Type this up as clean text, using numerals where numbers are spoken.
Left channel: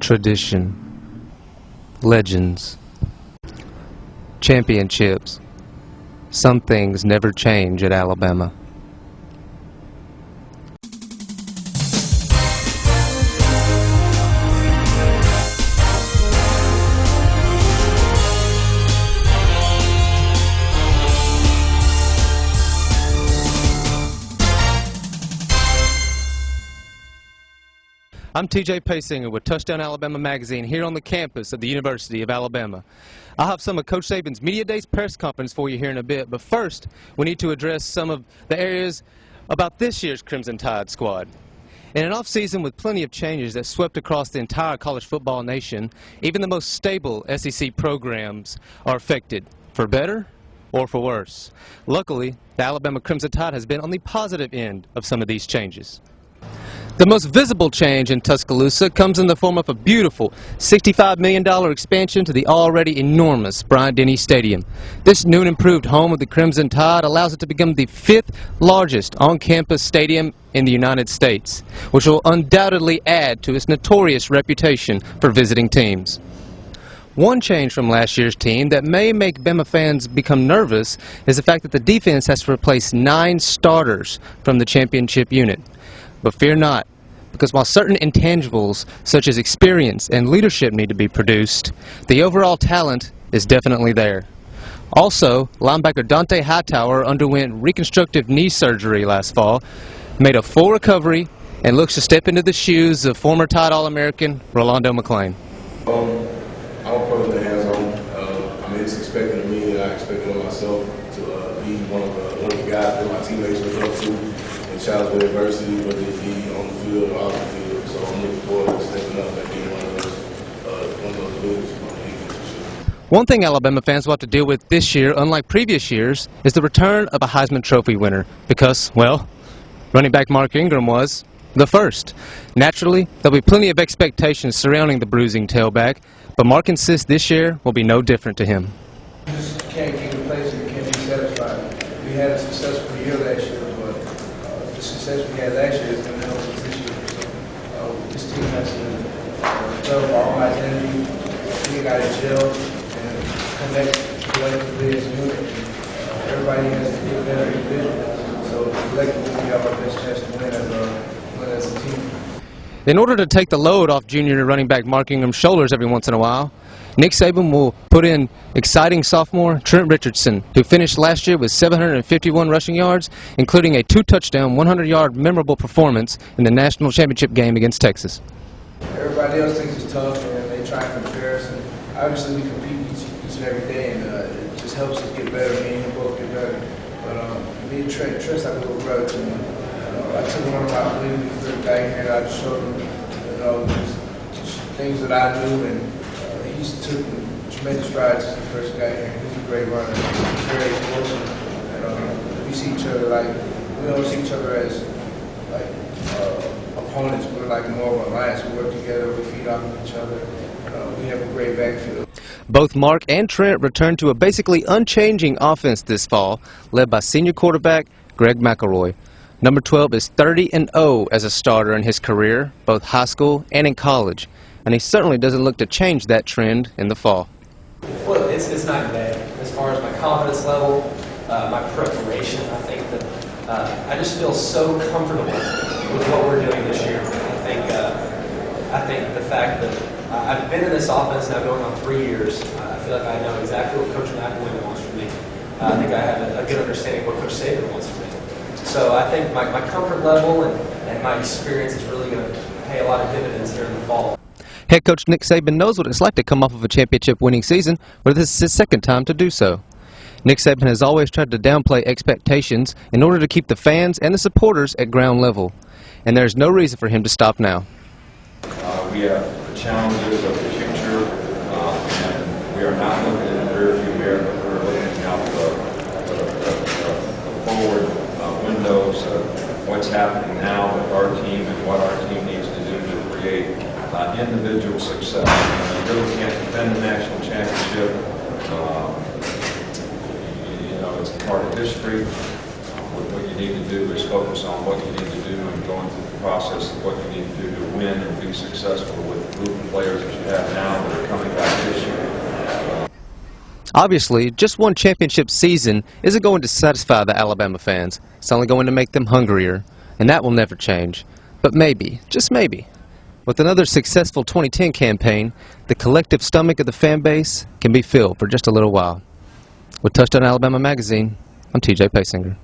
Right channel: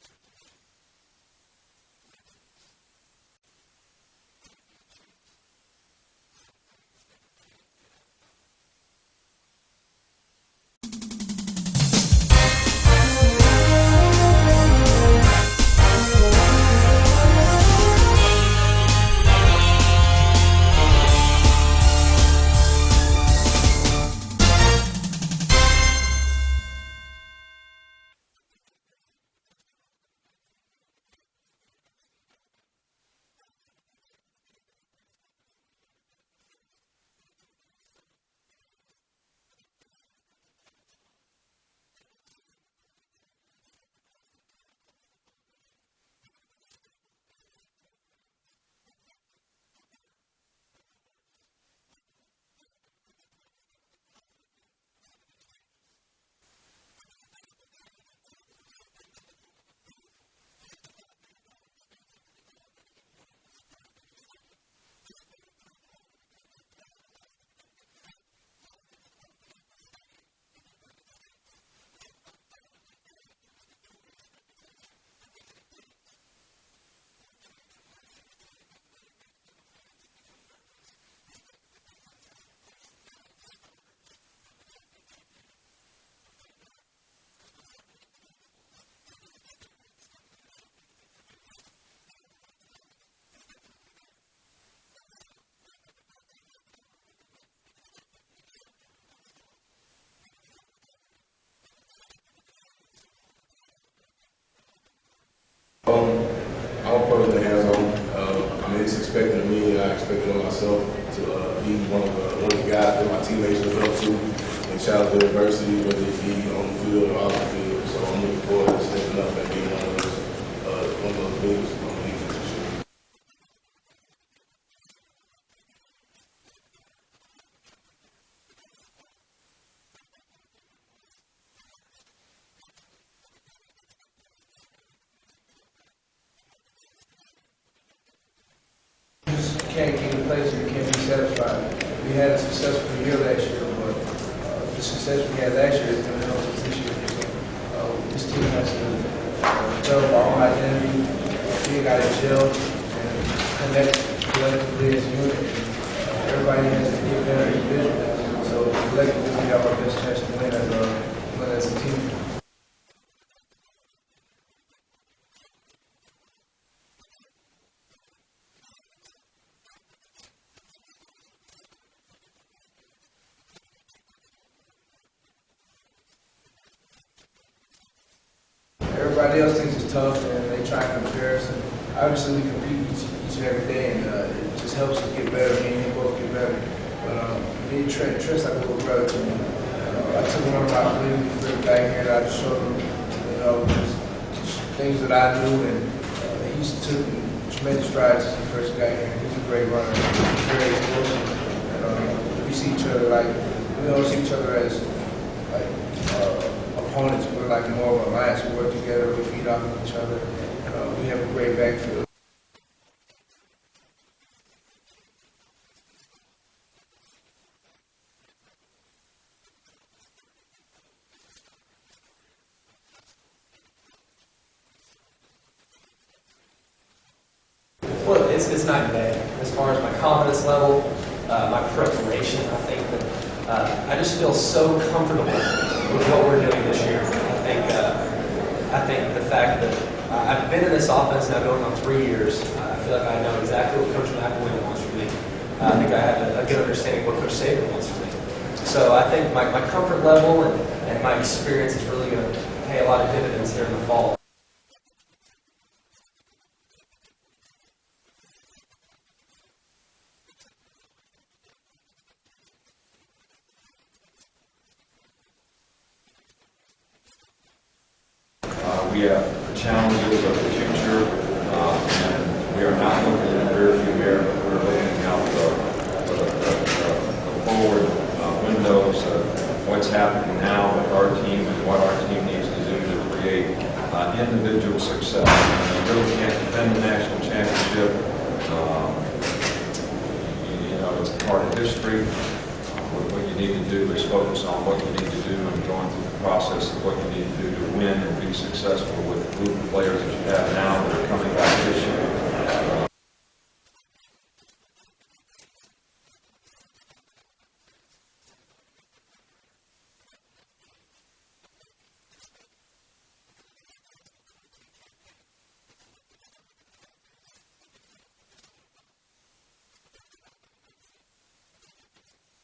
Tradition, legends, championships. Some things never change at Alabama. I'm TJ Paysinger with Touchdown Alabama magazine here on the campus of the University of Alabama. I'll have some of Coach Saban's Media Days press conference for you here in a bit, but first we need to address some of the areas about this year's Crimson Tide squad. In an off-season with plenty of changes that swept across the entire college football nation, even the most stable SEC programs are affected, for better or for worse. Luckily, the Alabama Crimson Tide has been on the positive end of some of these changes. The most visible change in Tuscaloosa comes in the form of a beautiful $65 million expansion to the already enormous Bryant-Denny Stadium. This new and improved home of the Crimson Tide allows it to become the 5th largest on-campus stadium in the United States, which will undoubtedly add to its notorious reputation for visiting teams. One change from last year's team that may make Bama fans become nervous is the fact that the defense has to replace 9 starters from the championship unit. But fear not, because while certain intangibles such as experience and leadership need to be produced, the overall talent is definitely there. Also, linebacker Hightower underwent reconstructive knee surgery last fall, made a full recovery, and looks to step into the shoes of former Tide All-American Rolando McClain. I'm personally hands-on. I mean, it's expected of me, and I expected of myself to be one of the guys that my teammates look up to and challenge the adversity, whether it be on the field or off the field. So I'm looking forward to stepping up and being one of those leaders on the defense. One thing Alabama fans will have to deal with this year, unlike previous years, is the return of a Heisman Trophy winner because, well, running back Mark Ingram was the first. Naturally, there'll be plenty of expectations surrounding the bruising tailback, but Mark insists this year will be no different to him. You just can't get a place and you can't be satisfied. We had a successful year last year, but the success we had last year is going to help us this year. So this team has to develop our own identity, we got to gel and connect collectively as a unit. Everybody has to get better individually. So collectively we have our best chance to win as a team. In order to take the load off junior running back Mark Ingram's shoulders every once in a while, Nick Saban will put in exciting sophomore Trent Richardson, who finished last year with 751 rushing yards, including a 2-touchdown, 100-yard memorable performance in the national championship game against Texas. Everybody else thinks it's tough, and they try and compare us. And obviously, we compete each and every day, and it just helps us get better. Me and him both get better. But me and Trent's like a little brother to me. I took him under my wing when he first got here, and I just showed him, just things that I knew, and he's took tremendous strides since he first got here. He's a great runner, very explosive, and we see each other we don't see each other as opponents. We're like more of an alliance. We work together, we feed off of each other. We have a great backfield. Both Mark and Trent returned to a basically unchanging offense this fall, led by senior quarterback Greg McElroy. Number 12 is 30-0 as a starter in his career, both high school and in college, and he certainly doesn't look to change that trend in the fall. Well, it's night and day. As far as my confidence level, my preparation, I think that I just feel so comfortable with what we're doing this year. I think the fact that I've been in this offense now going on 3 years, I feel like I know exactly what Coach McElroy wants from me. I think I have a good understanding of what Coach Saban wants from me. So I think my comfort level and my experience is really going to pay a lot of dividends here in the fall. Head coach Nick Saban knows what it's like to come off of a championship-winning season, but this is his second time to do so. Nick Saban has always tried to downplay expectations in order to keep the fans and the supporters at ground level, and there's no reason for him to stop now. We have the challenges of the future, and we are not looking in the rearview mirror, but we're looking out the forward windows of what's happening now with our team and what our team needs to do to create individual success. You really can't defend the national championship. It's a part of history. What you need to do is focus on what you need to do and going through the process of what you need to do to win and be successful with the group of players that you have now that are coming back this year. Obviously, just one championship season isn't going to satisfy the Alabama fans. It's only going to make them hungrier, and that will never change. But maybe, just maybe, with another successful 2010 campaign, the collective stomach of the fan base can be filled for just a little while. With Touchdown Alabama Magazine, I'm TJ Paysinger.